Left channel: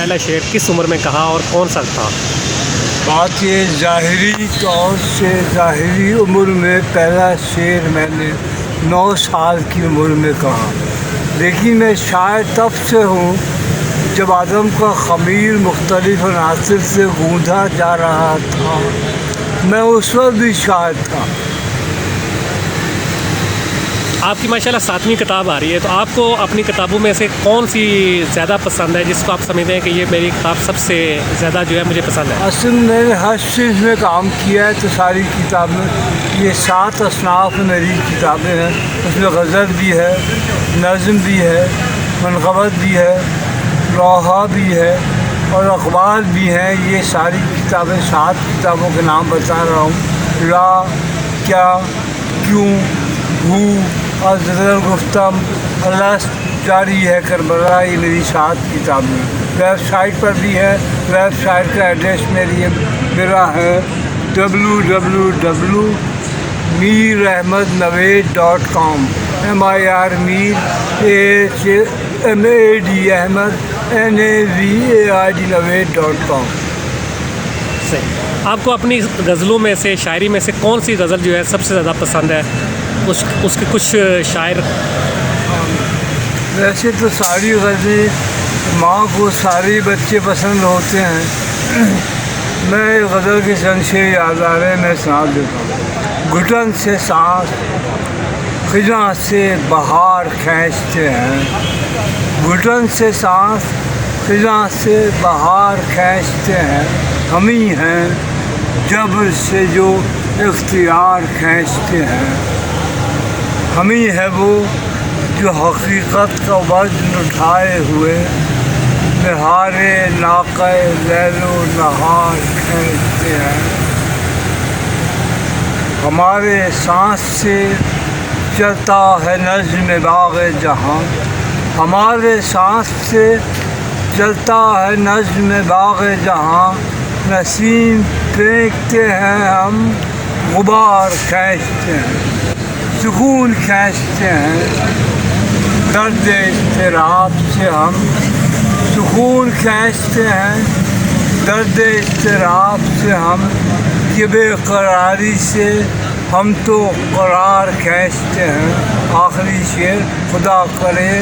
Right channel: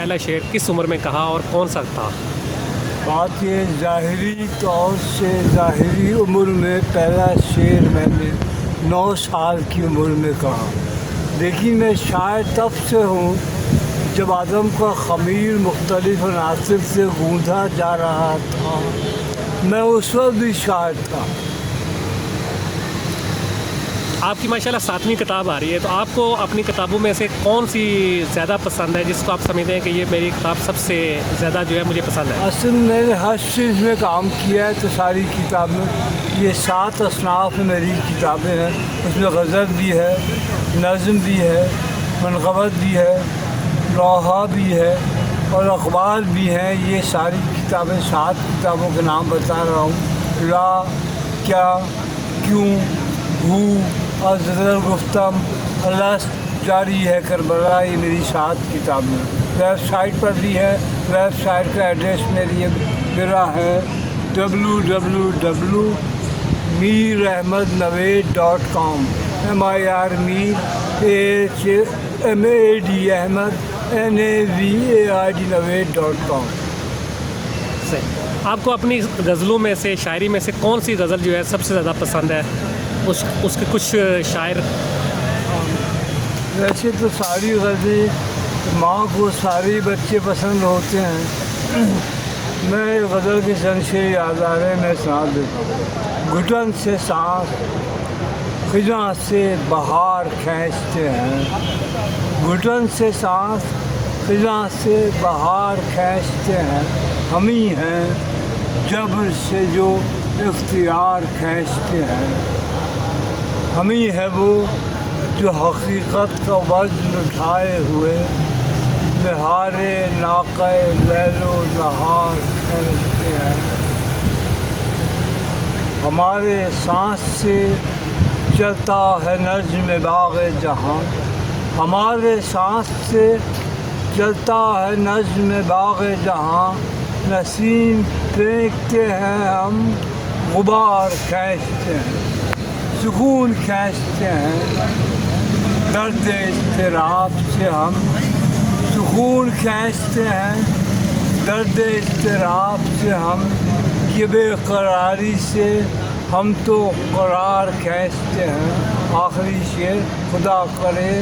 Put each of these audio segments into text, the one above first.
پہلا شعر کس عمر میں کہا اور کون سا تھا؟ بات یہ ظاہری طور سے ظاہری عمر میں پہلا شعر میں نے 9 سال کی عمر میں کہا، لیکن میں شاعر تب سے ہوں جب آدم کا خمیر مختلف عناصر سے گوندھا جا رہا تھا، میں اس وقت بھی شاعر تھا۔ آپ کی ماشاءاللہ 7ویں کتاب آ رہی ہے، تو آپ کو اپنی کتابوں میں سے کون سی زیادہ پسند ہے جس کو آپ سمجھتے ہیں کہ یہ میری کتاب سب سے زیادہ جو ہے مجھے پسند ہے؟ اصل میں نے ہر چیز میں کام کیا ہے، تو ساری کتابیں یہ 7 اصناف میری کتابیں ہیں۔ اس میں غزل بھی ہے، نظم بھی ہے، منقبت بھی ہے، لوحہ بھی ہے اور اخبار بھی ہیں۔ یہ ساری کتابیں 7 کتابوں کے نام بتا رہا ہوں: لا، کیا، کیوں، ہو، ازل گفتم، الست، جاری ہے کربلا۔ یہ میری 7 کتابیں ہیں۔ ویب سائٹ پر بھی ہے، ویب سائٹ کا ایڈریس میرا ہے www.mirahmadnaveed.com mirahmadnaveed.com۔ آپ کو اپنی غزلوں میں سے، شاعری میں سے کون سی غزل جو ہے سب سے زیادہ پسند ہے؟ اس کے کچھ شاعر؟ ویسے تو ساری غزلیں ماں کو سارے بچے پسند ہوتے ہیں۔ میں غزل کے چند شعر یاد آ رہے ہیں، میں سنا دیتا ہوں۔ گھٹن سے سانس خزاں سے بہار کھینچتے ہیں، گھٹن سے سانس خزاں سے بہار کھینچتے ہیں، ہم ہی ہیں جبر سے جو اختیار کھینچتے ہیں، ہم ہی ہے وہ جو حقیقت کا وزن اٹھائے ہوئے نہارے ناقہ لیل و نہار کھینچتے ہیں۔ ہمارے سانس سے چلتا ہے نظم باغ جہاں، ہمارے سانس سے چلتا ہے نظم باغ جہاں، نسیم پھینکتے ہیں ہم، غبار کھینچتے ہیں، سکون کھینچتے ہیں، درد اضطراب سے ہم سکون کھینچتے ہیں، درد اضطراب سے ہم، یہ بے قراری سے ہم تو قرار کھینچتے ہیں۔ آخری شعر: خدا کرے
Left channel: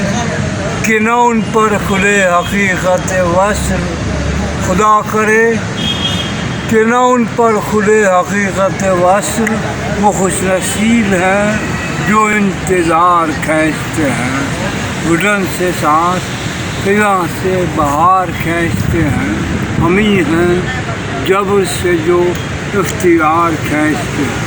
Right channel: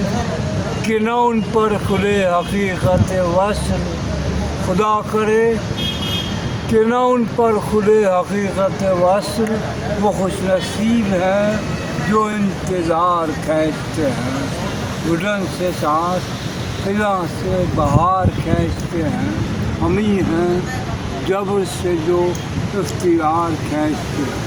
کہ نہ ان پر کھلے حقیقت وصل، خدا کرے کہ نہ ان پر کھلے حقیقت وصل، وہ خوش نصیب ہیں جو انتظار کھینچتے ہیں۔ گھٹن سے سانس خزاں سے بہار کھینچتے ہیں، ہم ہی ہیں جبر سے جو اختیار کھینچتے ہیں۔